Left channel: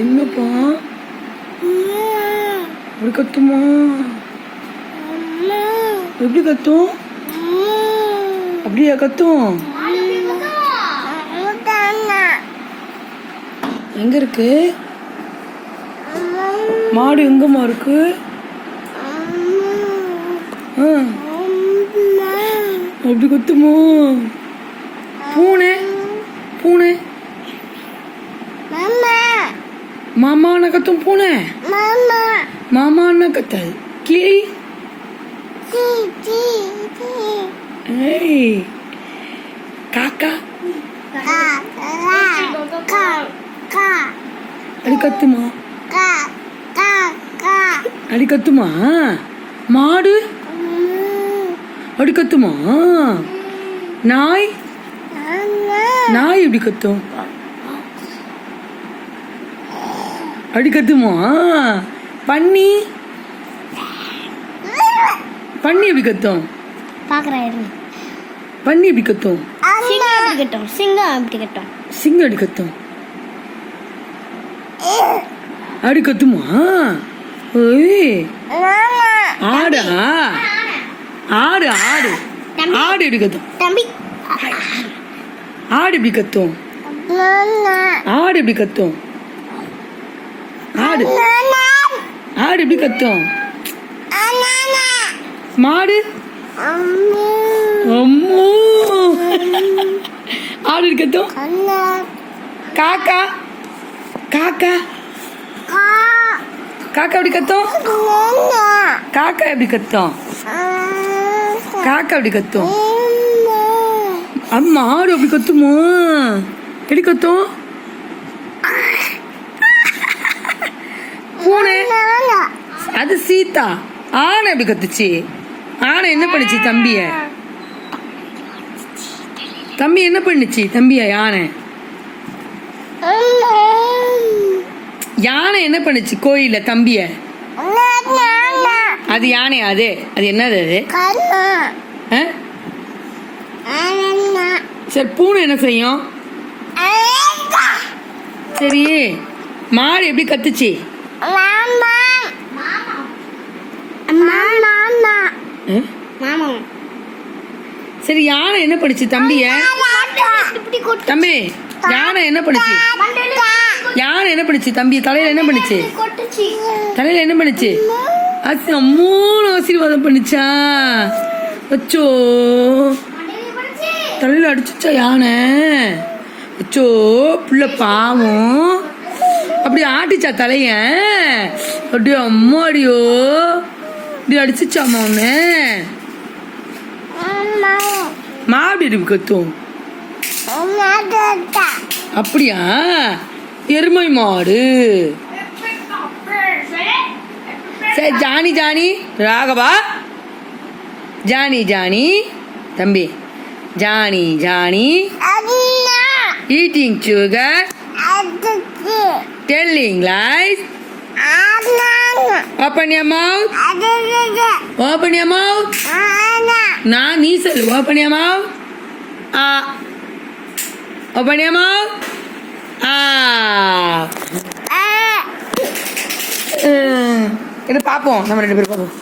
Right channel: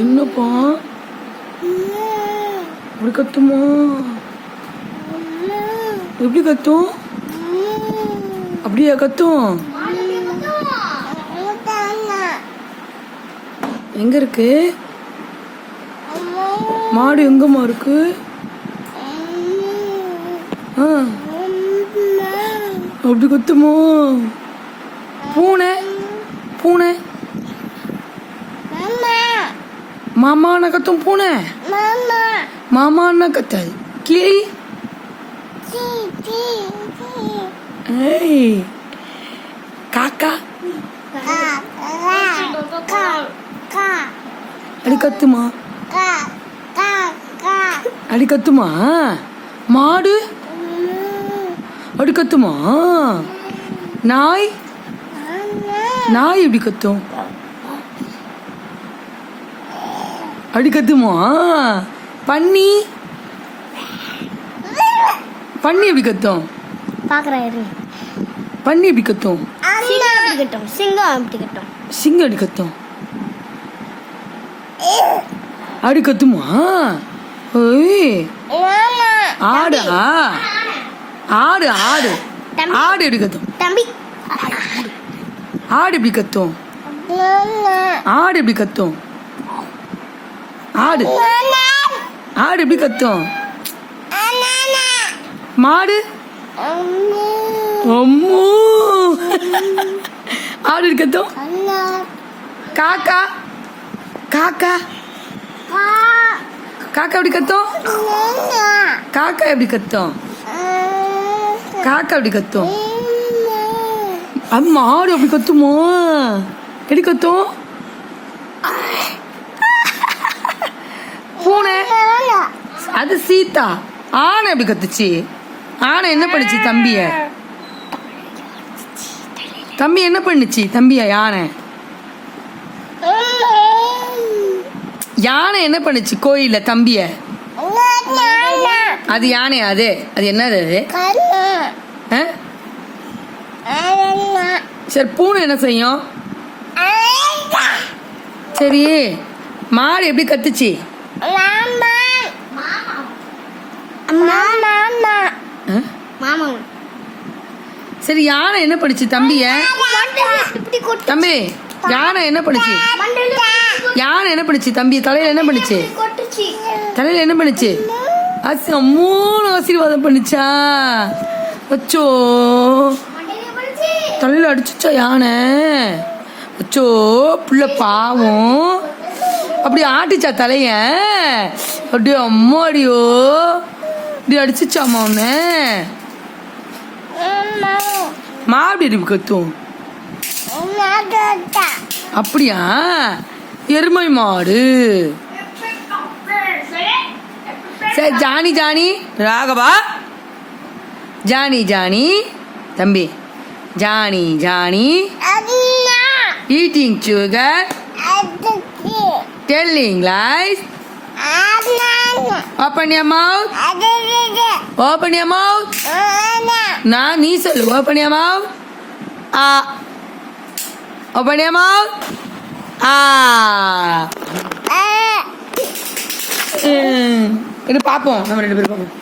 என்னப்பா இப்படி கத்துமா? எப்படி கத்தும்? அப்படியா கத்தும்? எங்க இருக்கு மாடு? எங்கம்மா இருக்கு? அப்படி கத்துமா? பூனை பூனை மாமா அண்ணா கத்தும். பூனை மாமா அண்ணா கத்தாது. கிளி காக்கா அடி கத்துமா? அடி கத்துமா? மாடு அடி கத்துமா? நாய் நாய் எப்படி கத்தும்? அடி கத்துமா? பன்னி பன்னி எப்படி கத்தும்? பன்னி எப்படி கத்தும்? சிங்கம் எப்படி கத்தும்? அடி கத்துமா? ஆடு ஆடு ஆடு ஆடு எப்படி கத்தும்? ஆடு எப்படி கத்தும்? ஆடு எப்படி கத்தும்? ஆடு ஆடு எப்படி கத்தும்? மாடு அம்மோ ஆடு எப்படி கத்தும்? காக்கா காக்கா காக்கா எப்படி கத்தும்? காக்கா எப்படி கத்தும்? காக்கா எப்படி கத்தும்? அம்மா ஆடு அப்படி கத்துமோ? எப்படி கத்தும்? பூனை அது சீதா. ஆனை எப்படி கத்துச்சு? ஆனை என்ன பண்ணுச்சு தம்பிய? தம்பி என்ன பண்ணுச்சு தம்பிய? யானை என்ன பண்ணுச்சு கோயில தம்பிய? அது யானையா? அது அது என்னது? அது சரி பூனை என்ன செய்யும்? சரி மாடு எப்படி கத்துச்சு? சரி யானை என்ன பண்ணுச்சு தம்பிய? தம்பி யானை என்ன பண்ணுச்சு? யானை என்ன பண்ணுச்சு தம்பி? தலையில என்ன பண்ணுச்சு? தலையில என்ன பண்ணுச்சு? மூணு ஆசீர்வாதம் பண்ணுச்சா? அச்சோ தலையில அடிச்சுச்சா யானை? அச்சோ புள்ள பாவம். அப்படி ஆட்டிச்சா தலைய? அப்படியே அம்மாடியோ இப்படி அடிச்சுச்சாமா அவனு? மாடு எப்படி கத்தும்? அப்படியா? எருமை மாடு. சரி Johnny Johnny Raghava Johnny Johnny தம்பி Johnny Johnny eating sugar, telling lies, open your mouth, open your mouth. நான் நீ சொல்லு. open your mouth. open your mouth. இது பாப்போம் நம்ம ரெண்டு பேரும் பாப்போம்.